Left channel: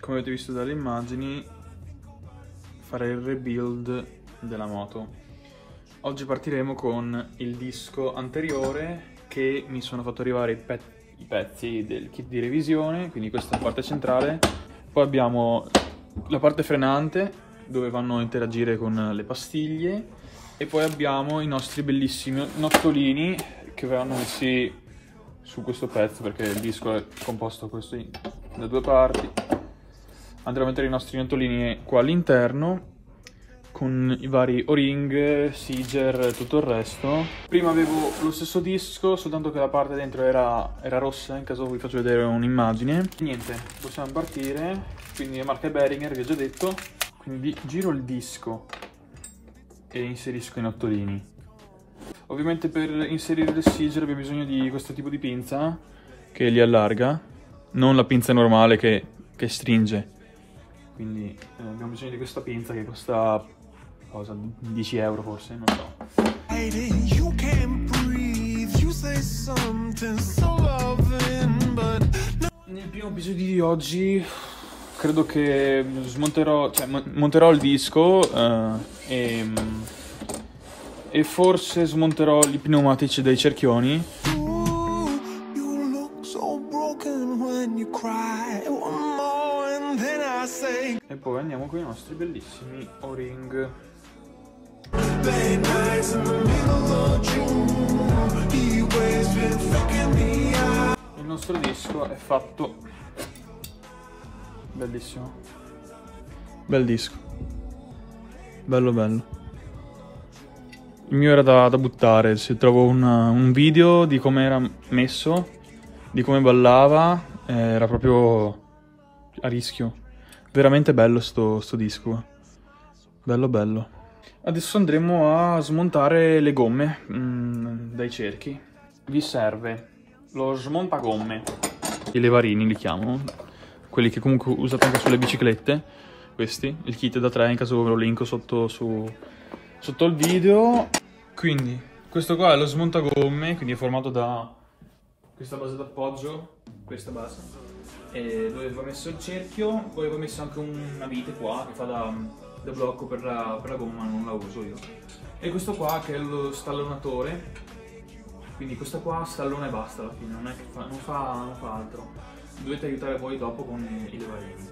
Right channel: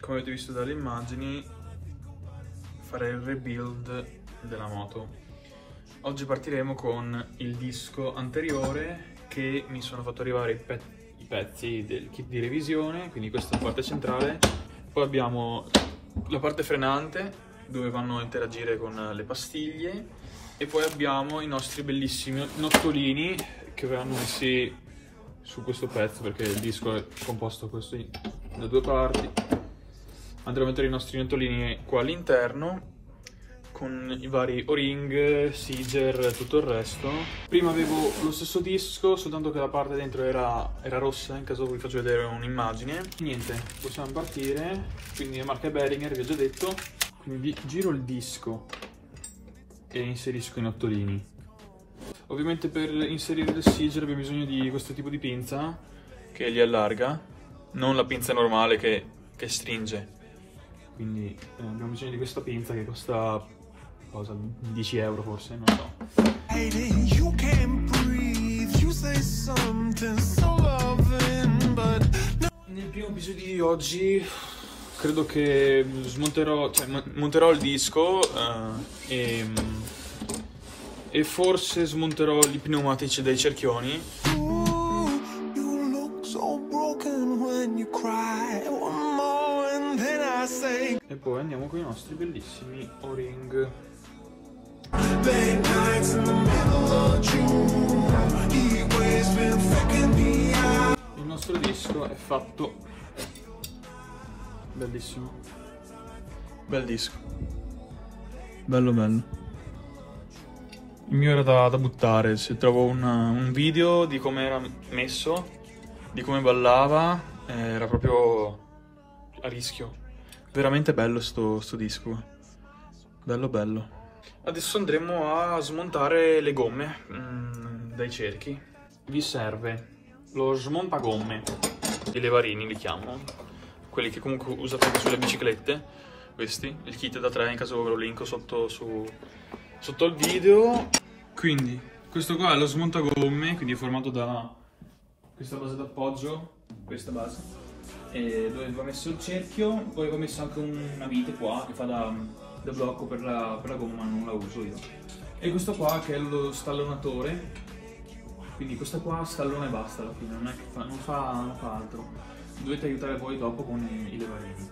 Come avete visto dalle immagini, farei il rebuild della moto. Oggi partiremo con il disco anteriore che mi sono fatto arrivare i pezzi del kit di revisione, quindi questa parte centrale. Poi abbiamo la parte frenante dove vanno a interagire con le pastiglie e poi abbiamo i nostri bellissimi nottolini che verranno messi su questo pezzo perché il disco è composto così da due parti. Andremo a mettere i nostri nottolini qua all'interno con i vari O-ring, Siger, tutto il resto. Prima avevo lo stesso disco, soltanto che la parte dentro era rossa, in caso vi faccio vedere un'immagine. Niente, possiamo partire, quindi le marche Behringer, vi ho già detto. Quindi giro il disco e inserisco i nottolini. Ovviamente per inserire il Siger abbiamo bisogno di questo tipo di pinza che li allarga, non la pinza normale che stringe. Quindi abbiamo bisogno di questa pinza che costa cosa, 10 euro forse, non so. Nel primo episodio di oggi credo che monterò il disco e forse smonterò i pneumatici dei cerchioni. E poi andiamo con i nostri bellissimi O-ring. Il nostro disco è fatto. Bellissimo. Bel disco. Bello bello. Il mio era da buttare. Se trovo un video di come era messo, di come ballava, era proprio a rischio. Veramente bello sto disco. Bello bello. Adesso andremo a smontare le gomme dai cerchi. Vi serve lo smontagomme, i levarini li chiamo, quelli che comunque usate anche sulle biciclette. Questi, il kit da 3, in caso ve lo linko sotto il video. Quindi questo qua è lo smontagomme, quindi è formato da questa base d'appoggio, questa base, e dove va messo il cerchio. Poi va messo anche una vite qua che fa da blocco per la gomma, ma non la uso io. E questo qua che è lo stallonatore, quindi questo qua stallona e basta alla fine, non fa altro. Dovete aiutare voi dopo con i levarini,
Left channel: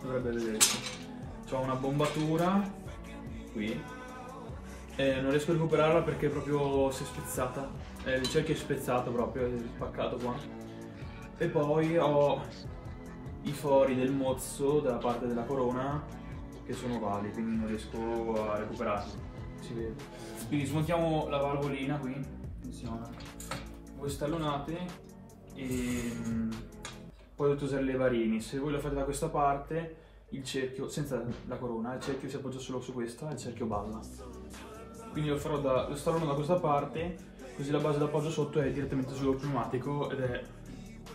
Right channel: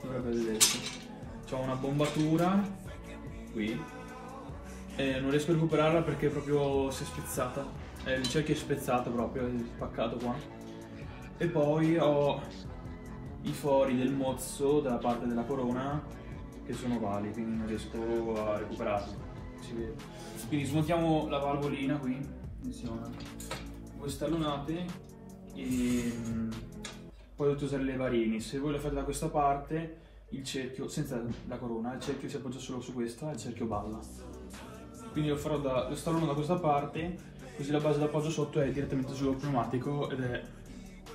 dovrebbe vedersi. C'ho una bombatura qui e non riesco a recuperarla perché proprio si è spezzata, il cerchio è spezzato proprio, è spaccato qua. E poi ho i fori del mozzo della parte della corona che sono ovali, quindi non riesco a recuperarli, si vede. Quindi smontiamo la valvolina qui, funziona. Voi stallonate e poi dovete usare i levarini. Se voi lo fate da questa parte, il cerchio, senza la corona, il cerchio si appoggia solo su questa e il cerchio balla. Quindi lo stallono da questa parte, così la base d'appoggio sotto è direttamente sullo pneumatico ed è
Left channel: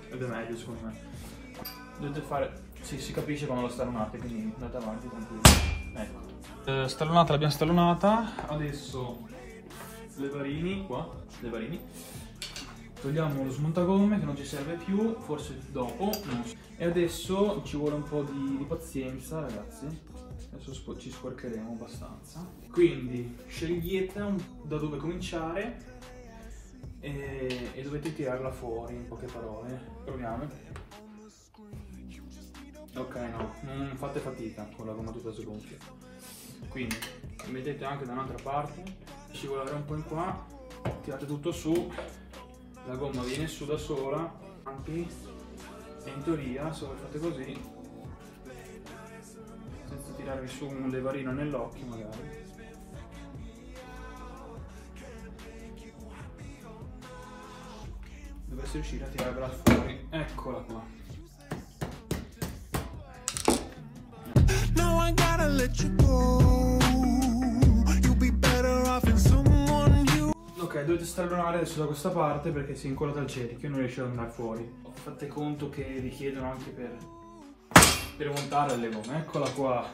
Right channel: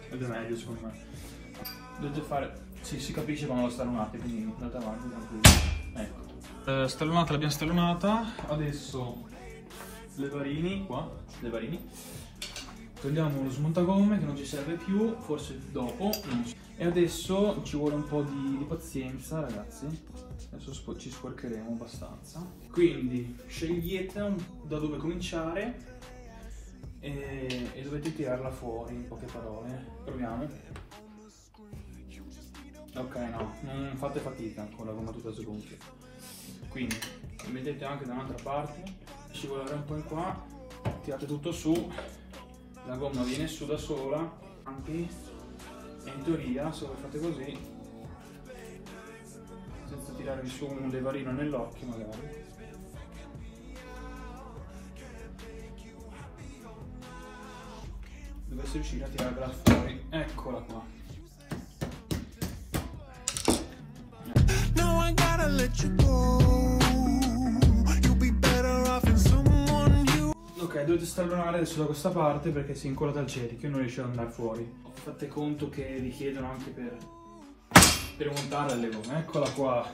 meglio secondo me. Dovete fare, sì, si capisce quando la stallonate, quindi andate avanti tranquilli. Ecco, stallonata l'abbiamo stallonata, adesso levarini qua, levarini. Togliamo lo smontagomme che non ci serve più, forse dopo, non so. E adesso ci vuole un po' di pazienza, ragazzi. Adesso ci sporcheremo abbastanza. Quindi scegliete da dove cominciare e dovete tirarla fuori, in poche parole. Proviamo. Ok, no, non fate fatica con la gomma tutta sgonfia. Quindi mettete anche da un'altra parte, scivolare un po' in qua, tirate tutto su, la gomma viene su da sola, anche in teoria se voi fate così, senza tirarvi su un levarino nell'occhio magari, dovreste riuscire a tirarla fuori. Eccola qua. Ok, dovete stallonare adesso da questa parte perché si è incollata al cerchio e non riesce ad andare fuori. Fate conto che richiedono anche per montare le gomme. Eccola qua.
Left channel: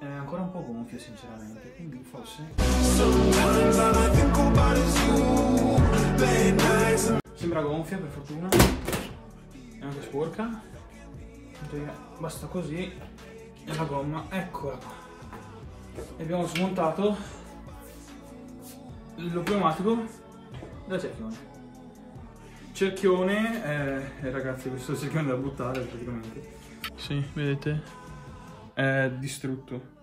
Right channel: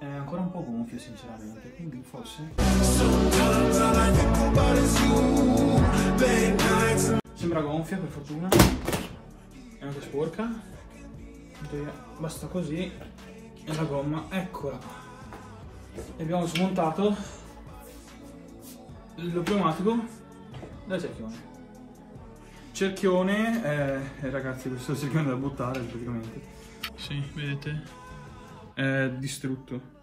È ancora un po' gonfio sinceramente, quindi forse gonfia per fortuna, è anche sporca, basta così e la gomma, eccola qua. E abbiamo smontato lo pneumatico da cerchione, ragazzi, questo cerchione da buttare praticamente. Sì, vedete? È distrutto.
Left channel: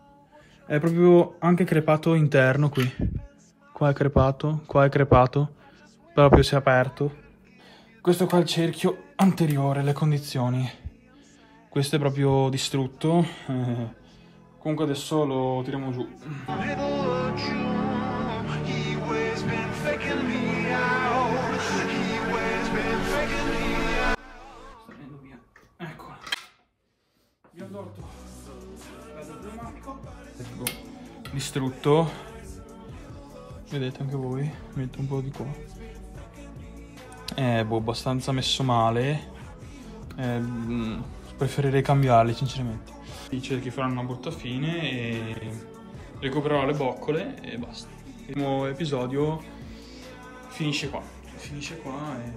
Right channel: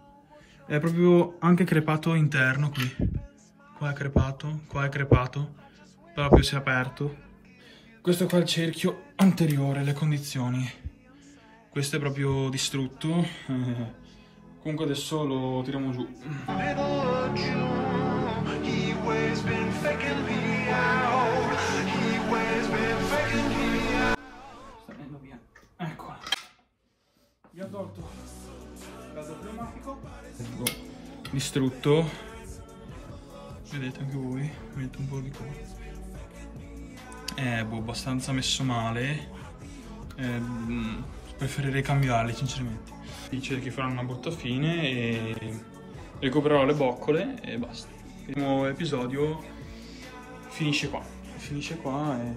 È proprio anche crepato interno qui. Qua è crepato, proprio si è aperto. Questo qua è il cerchio anteriore, le condizioni. Questo è proprio distrutto. Comunque adesso lo tiriamo giù. Sta venendo via. Eccola. Gli ho tolto l'altro pneumatico. Distrutto. Vedete anche voi? Metto un po' di qua. Abbastanza messo male. Preferirei cambiarli sinceramente. Dice che faranno una brutta fine e recupererò le boccole e basta. Il nuovo episodio finisce qua e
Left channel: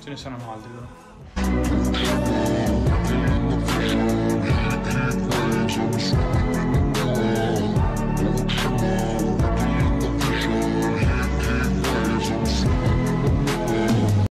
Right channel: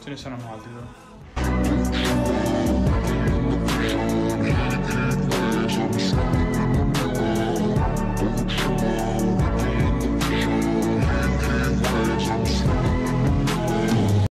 ce ne saranno altri però.